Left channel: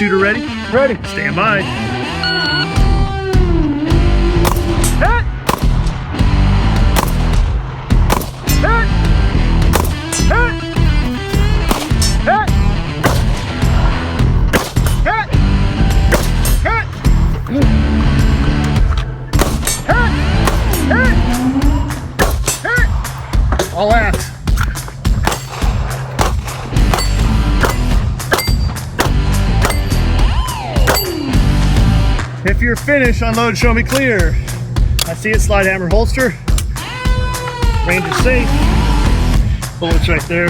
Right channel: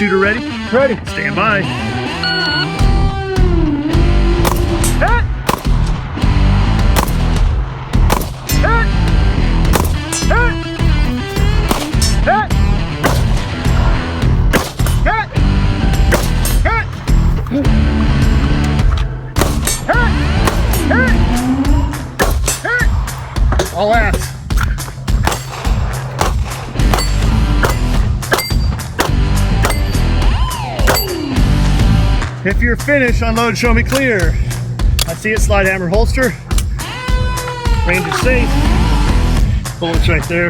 shooter ready? Ready. Stand by. Hit! Hit! Hit! Hit! Hit! Hit! Hit! Hit! Hit! All last. If you're finished, unload, show me clear. I see it, slide hammer holster. Range is safe. Bullets right there.